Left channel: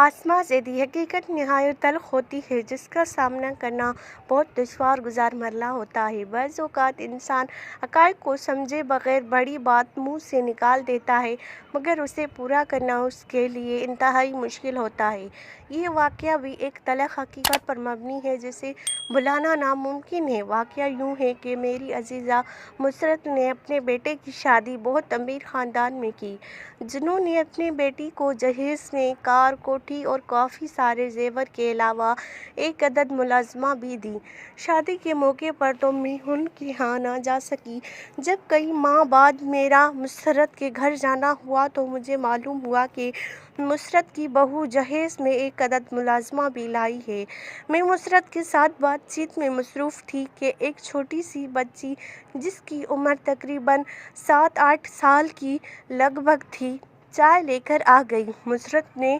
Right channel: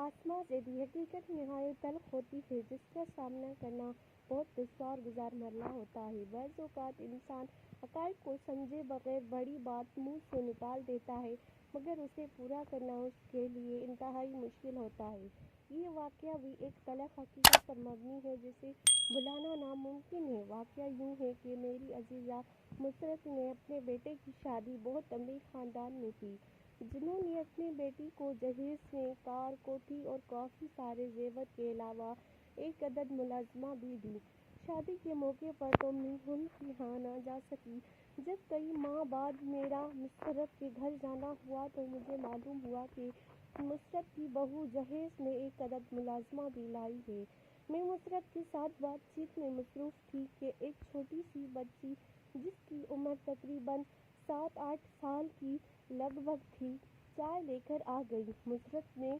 आसमां से दी हकीकत नहायत तल्ख होती है, जिसका सामना करना बहुत दुश्वार गुजार मरला होता है। बज़ औक़ात इंसान हक़ाइक़ को समझे बग़ैर बड़ी बात मुँह से निकाल देता है, मगर उसे पूरा करना उसके लिए इंतहाई मुश्किल होता है। ये वाक़या भी एक तल्ख़ हकीकत पर मबनी है, जिसे भुलाना नामुमकिन है। वाक़या यूँ है कि मेरी अज़ीज़ा मुसरत ने अपने बेटे की शादी बहुत अमीर ख़ानदान में की, जिन्होंने अपनी बेटी को जहेज़ में कार, कोठी और काफ़ी सारे ज़ेवर के अलावा एक अदद मुलाज़मा भी दी। शादी के मौके पर तो मैं उनके यहाँ ना जा सकी। जब कई माह बाद मेरा मुसरत के घर जाना हुआ तो मुझे मालूम हुआ कि मुसरत की बहू जहेज़ में एक अदद मुलाज़मा भी लाई है। मैं मुसरत के साथ बातचीत में मसरूफ़ थी कि एक छोटी सी बच्ची, जिसकी उम्र तकरीबन 7-8 साल की लगभग थी, चाय लेकर आ गई। मुसरत ने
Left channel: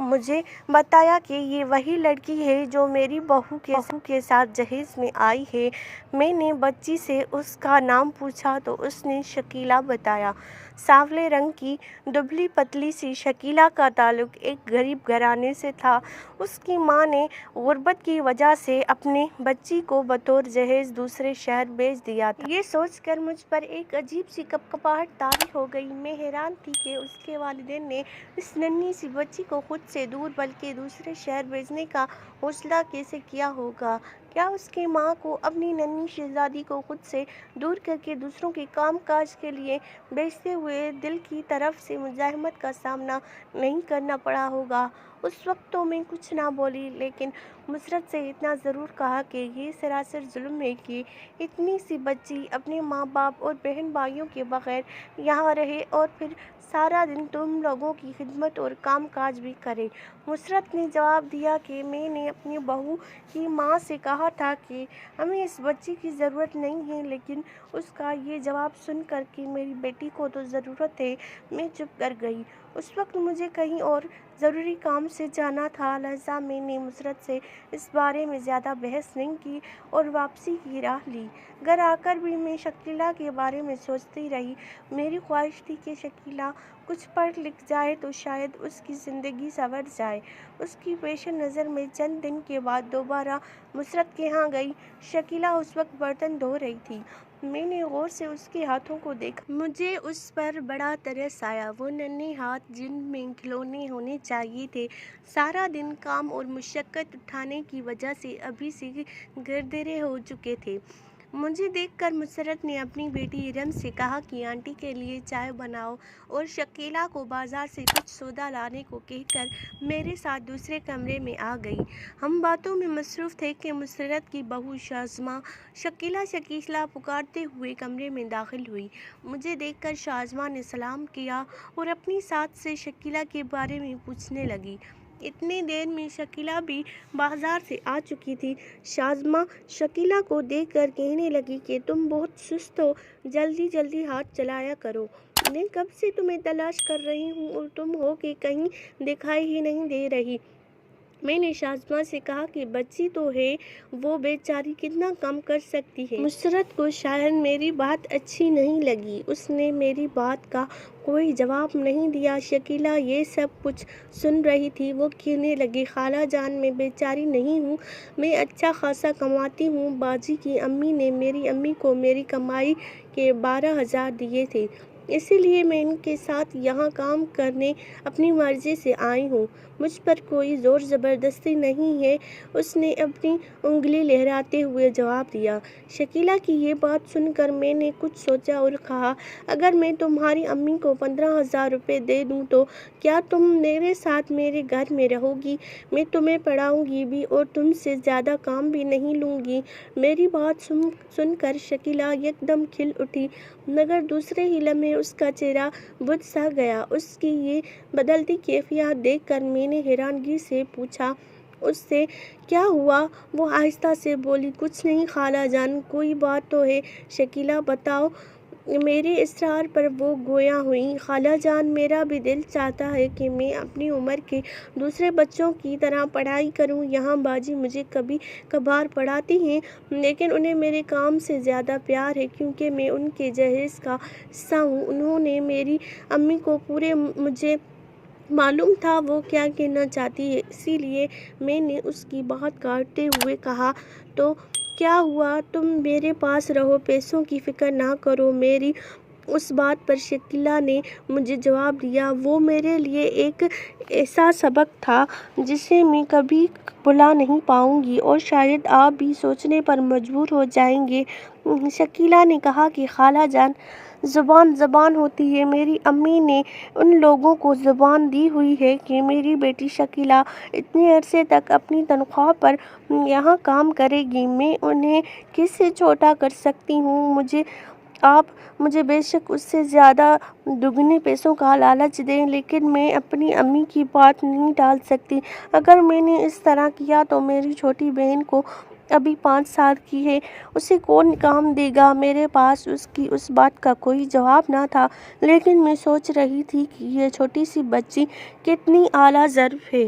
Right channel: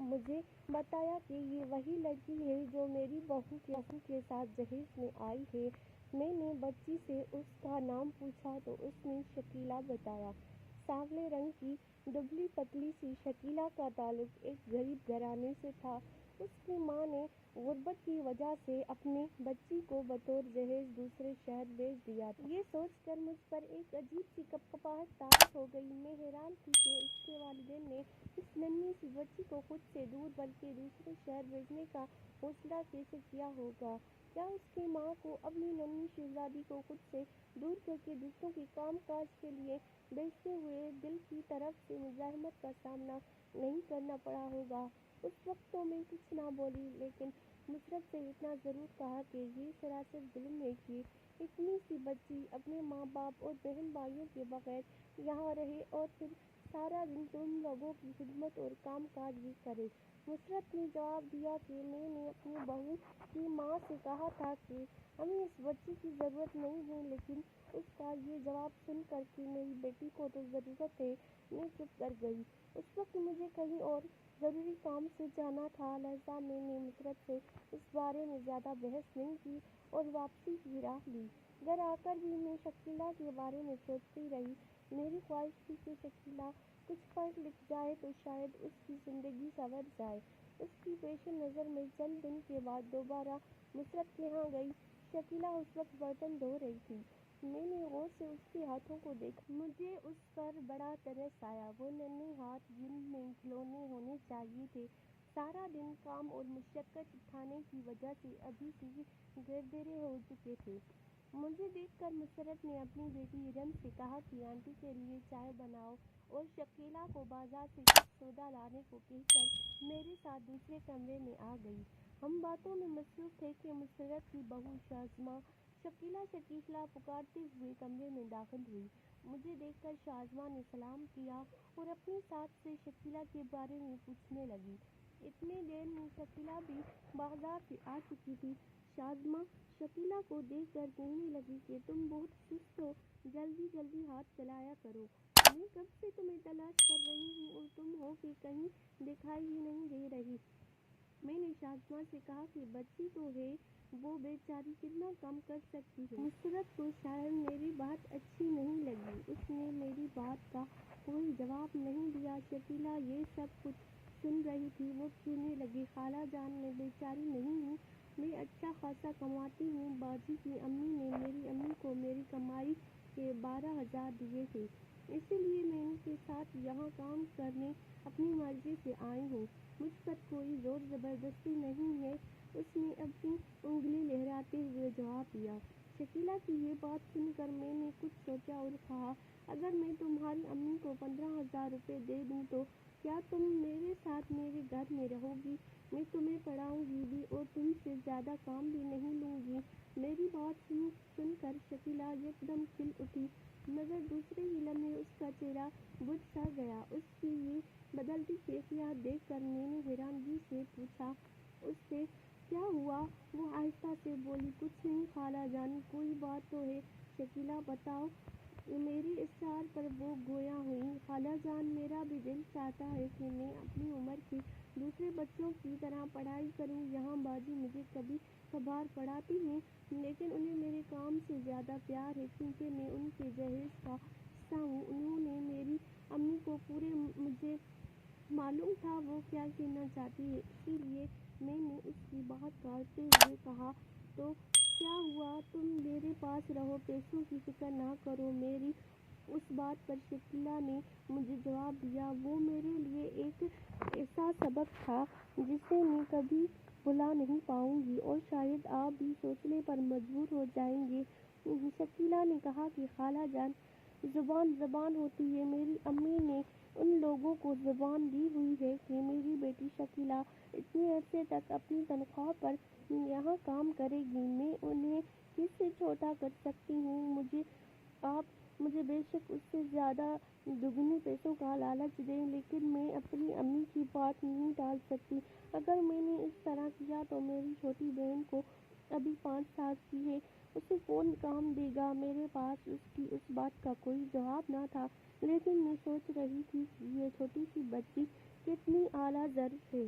मुझे बताया कि ये वही लड़की है जो मेरी बहू के साथ जहेज़ में आई है। मैंने बच्ची से उसका नाम पूछा तो उसने शकीला बताया। सांवले रंग की दुबली पतली सी शकीला का ताल्लुक़ एक गरीब घराने से था। उसकी माँ ने गुर्बत की वजह से अपने बच्ची को बतौर जहेज़ दूसरे शहर भेज दिया था। ये सोचकर मुझ पर एक अजीब सी कपकपाहट तारी हो गई। मैं हैरान थी कि उसके वालिदैन ने इस नन्ही सी बच्ची को खुद से दूर बल्कि दूसरे शहर भेजने का हौसला कैसे किया होगा। क्या उसकी माँ को अपनी नन्ही शहज़ादी को खुद से दूर करके दूसरों के काम काज के लिए भेजते हुए दिल की तरफ से मुज़ाहमत का सामना नहीं करना पड़ा होगा। उस वक्त तो मैं कुछ ना बोली, लेकिन मुसरत से इतना ज़रूर कहा कि ये सरासर जुल्म है कि इतनी सी बच्ची अपने माँ बाप और बहन भाइयों के बग़ैर यहाँ रहे और फिर सारा दिन तुम लोगों की खिदमत और काम काज भी करे। मुसरत ने जवाब दिया कि मैंने अपनी बहू की माँ से कहा था कि हमें इस बच्ची की ज़रूरत नहीं है, लेकिन उसका ये जवाब सुनकर कि मेरी बेटी को तो ज़रूरत है, मैं चुप कर गई। उस वक्त मुझे कहीं और ज़रूरी काम से जाना था, लिहाजा मैंने मुसरत से इस बारे में ज़्यादा बहस नहीं की और वापसी की राह ली। घर आकर भी मैं शकीला के बारे में सोचती रही। मेरी ख्वाहिश थी कि शकीला कुछ पढ़ लिख जाए तो शायद उसकी ज़िंदगी संवर जाए। उसकी पेश नज़र में चंद दिन के बाद दोबारा मुसरत के यहाँ गई। शकीला उस वक्त बर्तन धो रही थी। मैंने गौर से उसके हाथों को देखा। मुझे उस पर बड़ा तरस आया। वो नन्हे हाथ जिनमें खिलौने होने चाहिए थे, सारा दिन काम और मुशक्क़त उठाने की वजह से अभी से गरदरे हो चुके थे। मुझे देखकर मुसरत ने अपनी बेटी इरम से कहा कि आंटी के लिए चाय बनाओ और शकीला को बाज़ार से कुछ सौदा लाने को कहकर मेरे साथ दूसरे कमरे में आ गई। हम बातों में मसरूफ़ थे कि मुसरत की बहू शाज़मा शकीला शकीला पुकारते हुए कमरे में दाखिल हुई। मुझे देखकर शाज़मा ने सलाम किया और अपनी साथ से शकीला के बारे में पूछने लगी। इतनी देर में शकीला भी बाज़ार से आ चुकी थी। शाज़मा शकीला को देखकर कहने लगी कि तुम बहुत सुस्त हो, जल्दी जल्दी हाथ चलाया करो। मैं कब से तुम्हें तलाश कर रही हूँ और तुम हो कि कहीं दिखाई ही नहीं दे रही। मैंने शाज़मा से कहा कि बच्ची तो है, वो बेचारी कितना काम कर सकती है। मुसरत को शायद मेरी बात अच्छी नहीं लगी। उसने मेरी बात का कोई जवाब नहीं दिया। शकीला ये सब कुछ सुन रही थी। वो कहने लगी, खाला जान, मैं बेचारी नहीं हूँ, मैं अच्छा खासा कमाती हूँ। बाजी की अम्मी ने मेरी अम्मी को मेरी कमाई के 12,000 दिए थे, इसीलिए मैं इनके साथ यहाँ काम करने अपनी मर्ज़ी से आई हूँ। मुझ पर कोई ज़ोर ज़बरदस्ती नहीं है, उसने अपनी उंगली लहराते हुए जवाब दिया। शकीला की ये बात सुनकर मैंने कुछ सोचा और कहा, अगर मैं तुम्हारी अम्मी को 15,000 रुपये दे दूँ तो क्या तुम मेरे साथ मेरे घर में रहोगी? मैं तुम्हें पढ़ाऊँगी भी और तुमसे ज़्यादा काम भी नहीं लूँगी। मेरी बात सुनकर शकीला एकदम खिल उठी, मगर दूसरे ही लम्हे उसका चेहरा बुझ सा गया। उसकी ये बदलती कैफियत देखकर मैंने हैरानगी से पूछा उससे, क्या हुआ? वो आहिस्ता से बोली, कुछ नहीं खाला जान, कोई बात तो है, शकीला बताओ। मेरे इसरार पर वो गोया हुई। खाला जान, मेरा भी दिल चाहता है कि मैं अपनी उम्र के दूसरे बच्चों की तरह पढ़ाई करूं। यहाँ बाजी मुझे कभी कभार पढ़ाती हैं, लेकिन उन्हें मेरे काम से ज़्यादा प्यार है, क्योंकि मैं उनके जहेज़ का हिस्सा हूँ। उन्होंने मेरी अम्मी को पूरे मुझे معلوم تھا وہ کیا کہنا چاہتی ہے، اسی لیے میں نے اس کی بات کاٹتے ہوئے کہا، تو کیا ہوا؟ تم میرے پاس رہو، پیسوں کی فکر نہ کرو۔ میری اس بات پر شکیلا نے مجھے جواب دیا، وہ میرے لیے ایک ایسا سبق تھا جسے میں کبھی بھلا نہیں پاؤں گی، اور شاید آپ بھی سوچنے پر مجبور ہو جائیں گے۔ شکیلا نے کہا کہ خالہ جان، زبان ہوتی ہے۔ میری امی نے ان لوگوں کو زبان دی ہوئی ہے کہ میری بیٹی شکیلا اتنے عرصے تک اپنی تنخواہ پر یہاں کام کرے گی، میں انہیں کس سے چھوٹا کر سکتی ہوں؟ آپ مجھے بے شک اس سے زیادہ دگنے پیسوں کا لالچ دیں، لیکن میں اپنی امی کی بات نہیں ٹال سکتی۔ اگر میں نے اس طرح کیا تو میری چھوٹی بہن کو ابھی 5 سال کی ہے، اسے کون کام دے گا؟ میرے پاس اس کی اس بات کا کوئی جواب نہ تھا، لیکن میں سوچ رہی تھی کہ یہ چھوٹی سی بچی کتنی اعلیٰ ظرف ہے۔